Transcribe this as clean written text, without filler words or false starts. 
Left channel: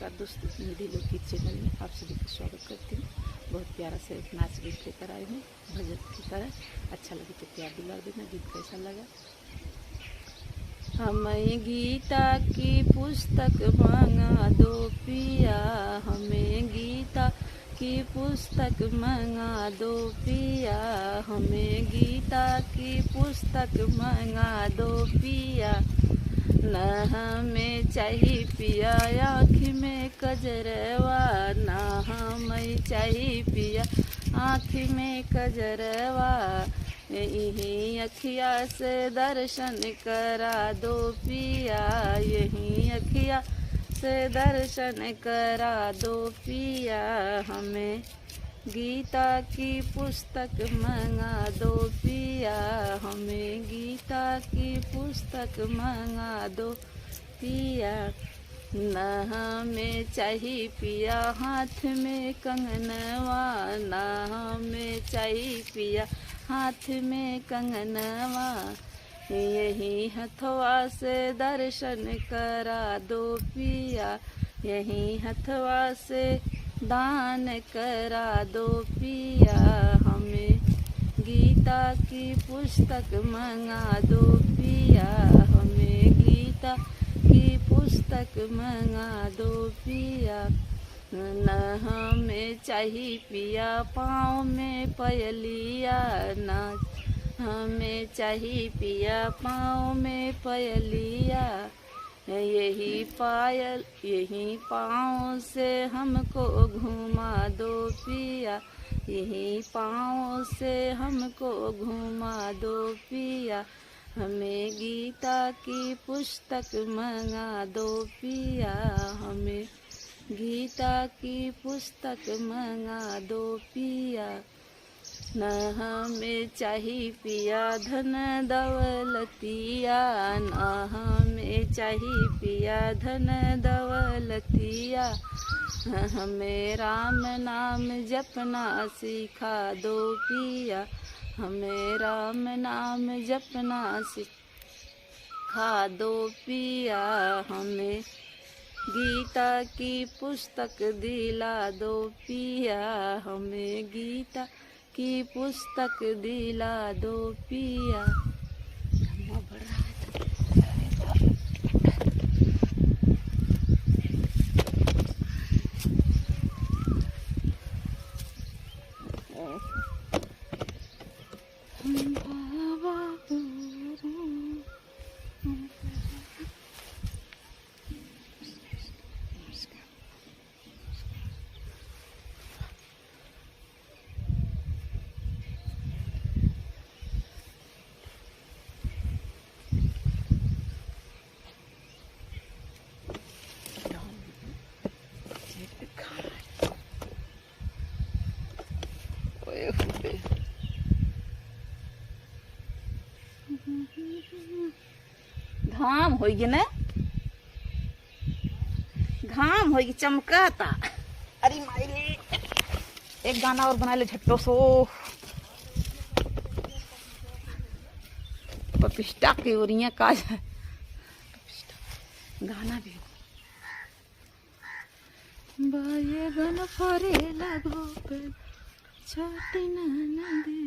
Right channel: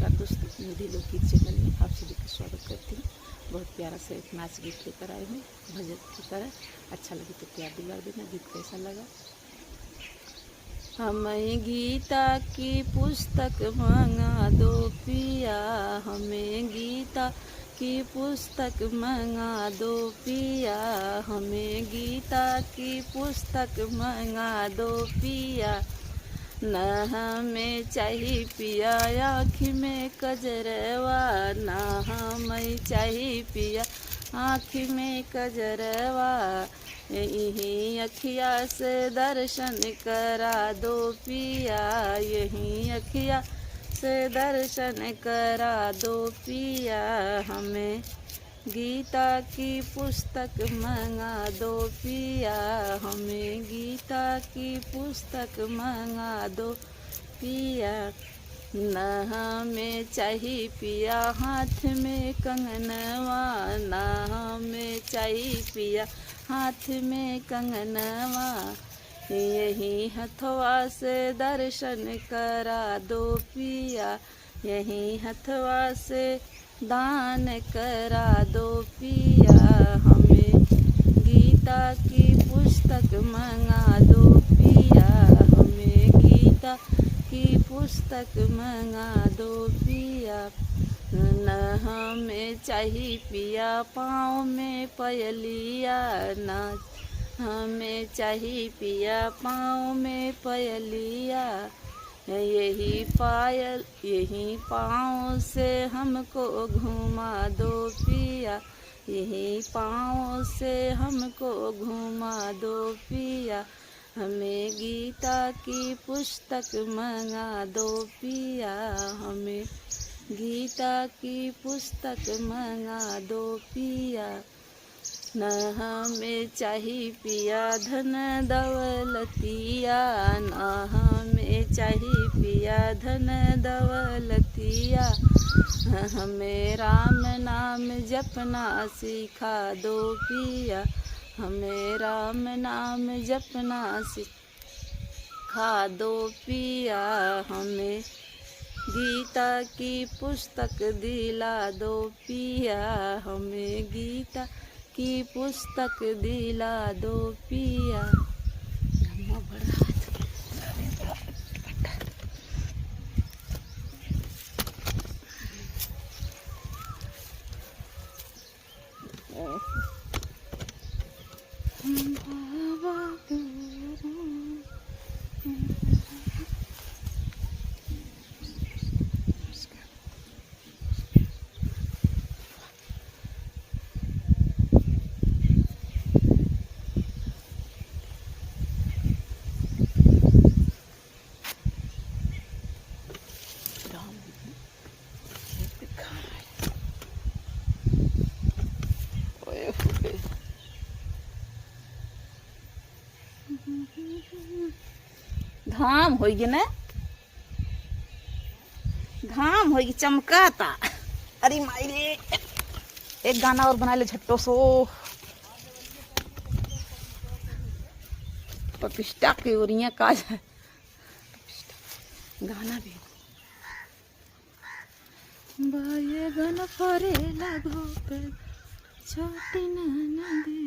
नमस्कार दोस्तों, निधि लोकगीत चैनल में आप सभी का स्वागत करती हूँ। बहुत प्यारा सा एक नाच गीत लेकर आई हूँ भजन की तरह। अच्छा लगे तो प्यार दुलार देना। गीत कैसा लगा? हमें गीता की पुस्तक मंगा दो पिया, हमें गीता की पुस्तक मंगा दो पिया, हमें गीता की पुस्तक मंगा दो पिया। न हमें चाहिए पिया आँख में कजरवा, न हमें चाहिए पिया आँख में कजरवा। यही अखिया से दर्शन करा दो पिया, यही अखिया से दर्शन करा दो पिया। हमें गीता की पुस्तक मंगा दो पिया, हमें गीता की पुस्तक मंगा दो पिया। न हमें चाहिए पिया हाथ में कंगनवा, न हमें चाहिए पिया हाथ में कंगनवा। यही हथवा से दर्शन करा दो पिया, यही हथवा से दान करा दो पिया। हमें गीता की पुस्तक मंगा दो पिया, हमें गीता की पुस्तक मंगा दो पिया। न हमें चाहिए पिया पाँव में पयलिया, न हमें चाहिए पिया पाँव में पयलिया। यही पायल यही पाँव से हमको घुमा दो पिया, यही पाँव से हमको घुमा दो पिया। हमें गीता की पुस्तक मंगा दो पिया, हमें गीता की पुस्तक मंगा दो पिया। न हमें चाहिए पिया धन दौलतिया, न हमें चाहिए पिया धन दौलतिया। हमें राम नाम जपना सिखा दो पिया, हमें राम नाम जपना सिखा दो पिया। हमें गीता की पुस्तक दिला दो पिया, हमें गीता की पुस्तक दिला दो पिया। घाम होगी ना, घाम होगी चमकाता। अरे मायरे एक गाना और बना ले झट्टो सो। प्रतिष्ठा की ओरियां का गाना भी बाये बन फरे लगो पे छाती नदी